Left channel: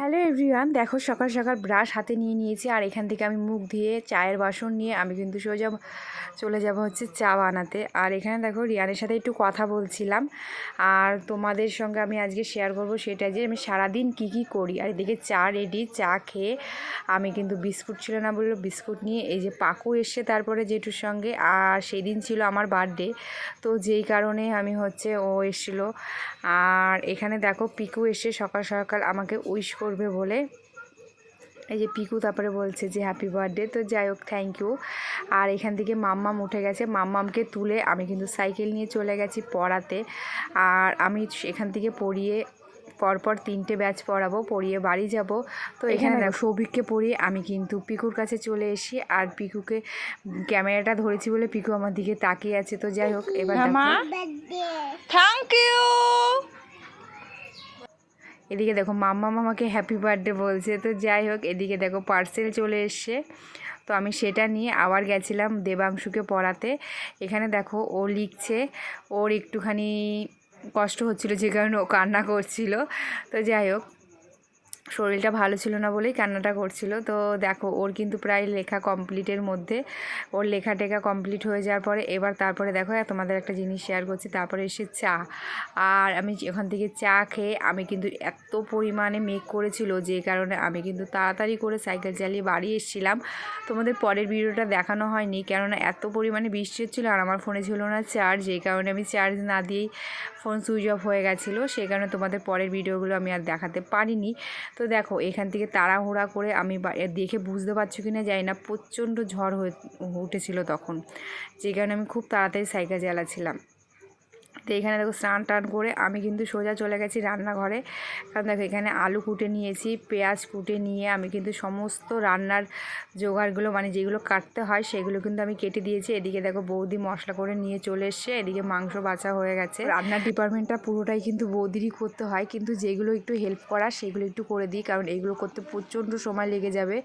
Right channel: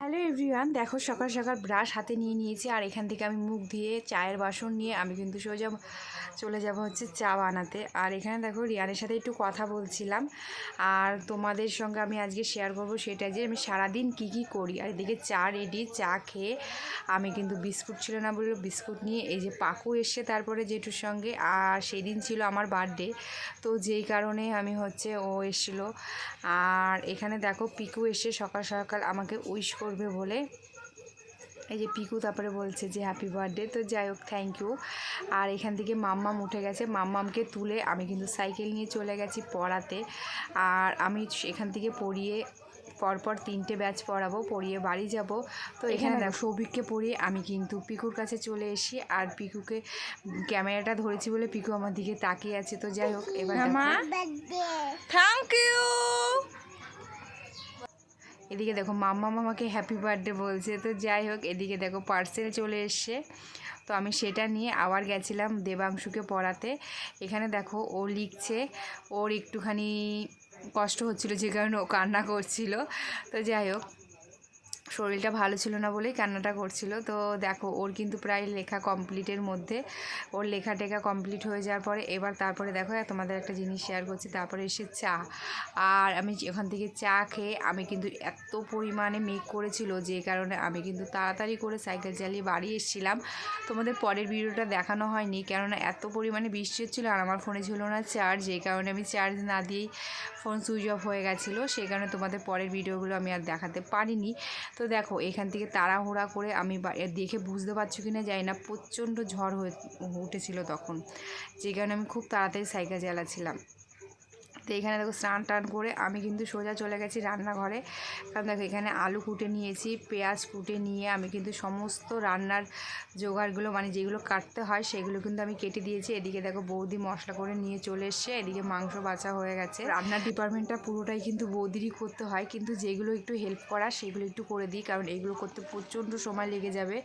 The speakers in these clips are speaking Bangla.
হ্যালো এভরিওয়ান, দেখো সকাল সকাল ব্রাশ হাতে নিয়ে নিয়েছি আর এখান থেকে আমি মুখ ধুয়ে চায়ের বাসন নিয়ে আমি কিন্তু সোজা চলে যাব হচ্ছে চা বানাতে। আর এখানে দেখো রিয়ানের সাথে একটু কথা বলছিলাম আর তোমাদের সঙ্গে আমি আজকে শেয়ার করব সেটা যে আমি সারাদিন কি করি। আর এদিকে চা রেডি, চা খেয়ে আমি কিন্তু বিস্কুট ছিল না বললো বিস্কুট নিয়ে এই যে পাকু এসছে তারপরে জেঠুর সঙ্গে। আর সেই দিন ছিল আমার বার্থডে, তো যেই কারণে আমি হচ্ছে ও এসেছিলো। আর এখানে দেখো পিকু এসে সকাল সকাল আমাকে উইশ করবে বলে এই যে পিকু তারপরে বলছে যে হ্যাপি বার্থডে। তো যাই হোক, থ্যাংক ইউ। আর এখান থেকে মাম্মাম উঠে গেছে, মাম্মামকে তুলে আমি কিন্তু সাইকেল নিয়ে চলে গেছি পড়াতে। আর আমি এখান থেকে পড়িয়ে পরপর 3টে ব্যাচ পড়াবো, পড়িয়ে বাড়ি যাব। তো এখানে দেখো সৌভিককে পড়িয়ে আমি কিন্তু পিকুর কাছে চলে এসি আর পিকুকে ক্যামেরাটা ধরেছি বলে পিকু আমার দিকে তাকিয়ে আছে। তো যাই হোক, এবার থ্যাংক ইউ। এদিকে দেখো মাম্মা মামাকে হ্যাপি বার্থডে বলছে। তো যাই হোক, এদিকে দেখো পার্সেল চলে এসছে, তো আমি সেটা নিয়ে আবার গেছিলাম দেবাংশুকে পড়াতে। এখানে দেখো ও লিখছে, ওর একটুখানি কষ্ট হচ্ছিল যে কারণে ও কান্না করছিল। তো যাই হোক, শরীরটা ভালো ছিল না বলেই কান্নাটা করছিল। তো দেখো ওর কিন্তু প্রায় লেখা কমপ্লিটের মধ্যে, ওর লেখা টেখা কমপ্লিট হয়ে যাওয়ার পরে এবার তারপরে দেখো তোমাদের একটা জিনিস শেয়ার করছি। তারপরে এসে চা, আর আমি ওখান থেকে চা খেয়ে আমি কিন্তু এত পরিমাণে মেঘ করেছিল যে কারণে আমি কিন্তু তাড়াতাড়ি করে সাইকেল চালিয়ে বাড়ি এসেছিলাম। তোমাদের পরের ভিডিওটা দেখানো হয়নি কেননা এত পরিমাণে বৃষ্টি হচ্ছিলো আর আমার ফোনে ছিল না চার্জ, যেই কারণে আমি চার্জ না দিয়েই ফোন সুইচ অফ হয়ে গেছিলো, সেই কারণে তোমাদের পরের ভিডিওগুলো আমি আর দেখাতে পারিনি। তো দেখো এখান থেকে তাড়াহুড়া করে আমি দেখে বুঝতে পারছো কি না জানি না, প্রচণ্ড ঝড় হয়ে উঠেছিল তখন, যে কারণে আমি খুব তাড়াতাড়ি সাইকেল চালাচ্ছিলাম। তো এখানে দেখো স্নান টান করে আমি কিন্তু সোজা চলে গেছি রান্নাঘরে। কারণ দেখো এখানে আলু কুটে নিয়েছি, পেঁয়াজ কুটে নিয়ে আমি কিন্তু সমস্ত রান্নার জোগাড়গুলো মানে যেগুলো কাটতে হয় সেগুলো কিন্তু আমি কেটে দিয়েছি। এদিকে দেখো বৌদি মশলা করে নিয়ে চলে এসছে, এদিকে মাংস বাছা হয়ে গেছে। রান্নার ডিপার্টমেন্টটা পুরোটাই কিন্তু বৌদিরই করতে হয়, কিন্তু যেগুলো একটু হেল্প করা সেগুলো একটু করে দিই, কারণ এইগুলো করতে প্রচণ্ড সময় লেগে যাবে।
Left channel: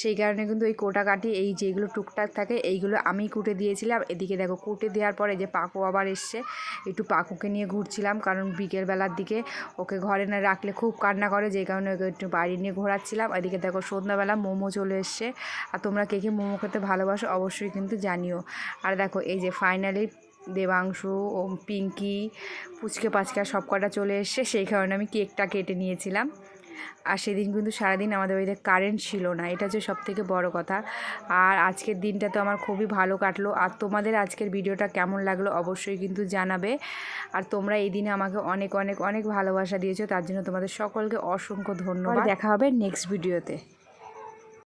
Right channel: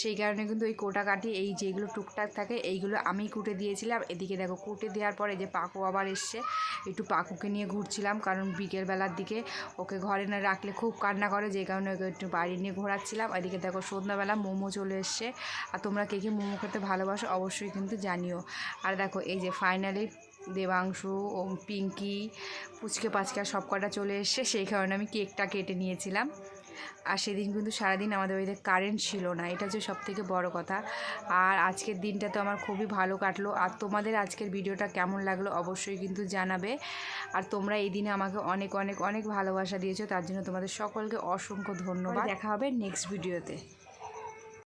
সেই কারণে কিন্তু এই কোটাকাটি এই যেগুলো টুকটাক থাকে এইগুলো আমি কুটে দিয়েছিলাম। এদিকে দেখো কুটে দেওয়ার পরে যে পাকু আবার এসছে, একটু পাকুকে নিয়ে ঘুরছিলাম, কারণ বিকেলবেলার দিকে ওকে ঘরে না রাখলে খুব কান্না করে, যে কারণে ওকে একটু বাইরে নিয়ে ঘোরাচ্ছিলাম। এদিকে দেখো সন্ধ্যাবেলা মোমো চলে এসছে, আর তোমরা কে কে মোমো খেতে ভালোবাসো অবশ্যই কিন্তু জানিও। আর দেখো এই যে ফাইনালি দেবাংশু ও পিঙ্কি পুচকে পাচকা সব কটা চলে এসছে, সেই কারণে আমি কেকটা কেটে নিয়েছিলাম। আর সেদিন কিন্তু সারাদিন আমাদের বাড়িতে কারেন্ট ছিল না, এটা হচ্ছে সবথেকে বড় কথা। আর আজকের দিনটা তো আমার খুবই ভালো কাটলো। আর তোমাদের আজকের ভিডিওটা কেমন লাগলো অবশ্যই কিন্তু জানাবে। আর তোমরা এই দিনে আমাকে অনেক অনেক অনেক ভালোবাসা দিয়েছো, তার জন্য তোমাদের সকলকে অসংখ্য ধন্যবাদ। দেখা হবে নেক্সট ভিডিওতে।